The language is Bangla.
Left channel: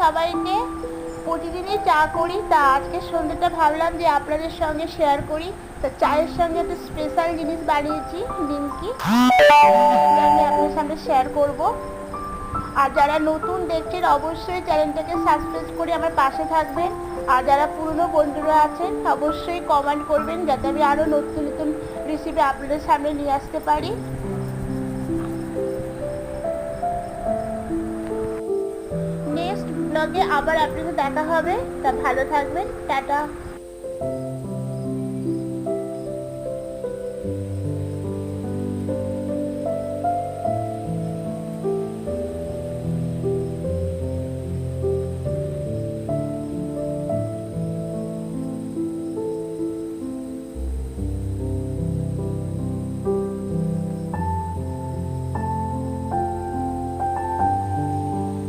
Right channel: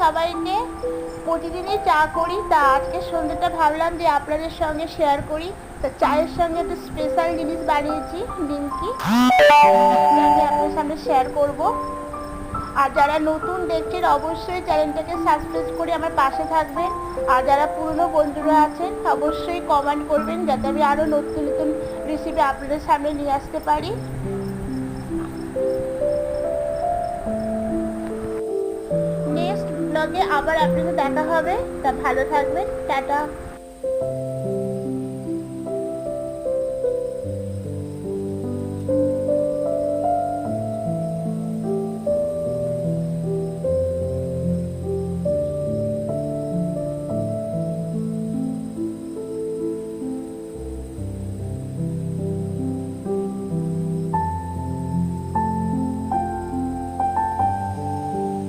সবাইকে প্রতিদিনই চা করি, তা আজকে সন্ধ্যেটা ভাবলাম যে আপনাদের সঙ্গে শেয়ার করি। তা চায়ের সঙ্গে একটা স্পেশাল জিনিস বানিয়েছি, নিমকি, যেটা আমি আপনার সামনে শেয়ার করব। আর যারা নতুন দেখছেন অবশ্যই চ্যানেলটাকে সাবস্ক্রাইব করে আমার পাশে থাকবেন। আর যারা পুরনো বন্ধুরা আছেন অবশ্যই কমেন্ট করবেন, যাতে আমি আরও নতুন নতুন রেসিপি আপনাদের সামনে নিয়ে আসতে পারি। নেক্সট ব্লগে আবার আপনাদের দেখা হবে। তা ভালো থাকবেন, টাটা।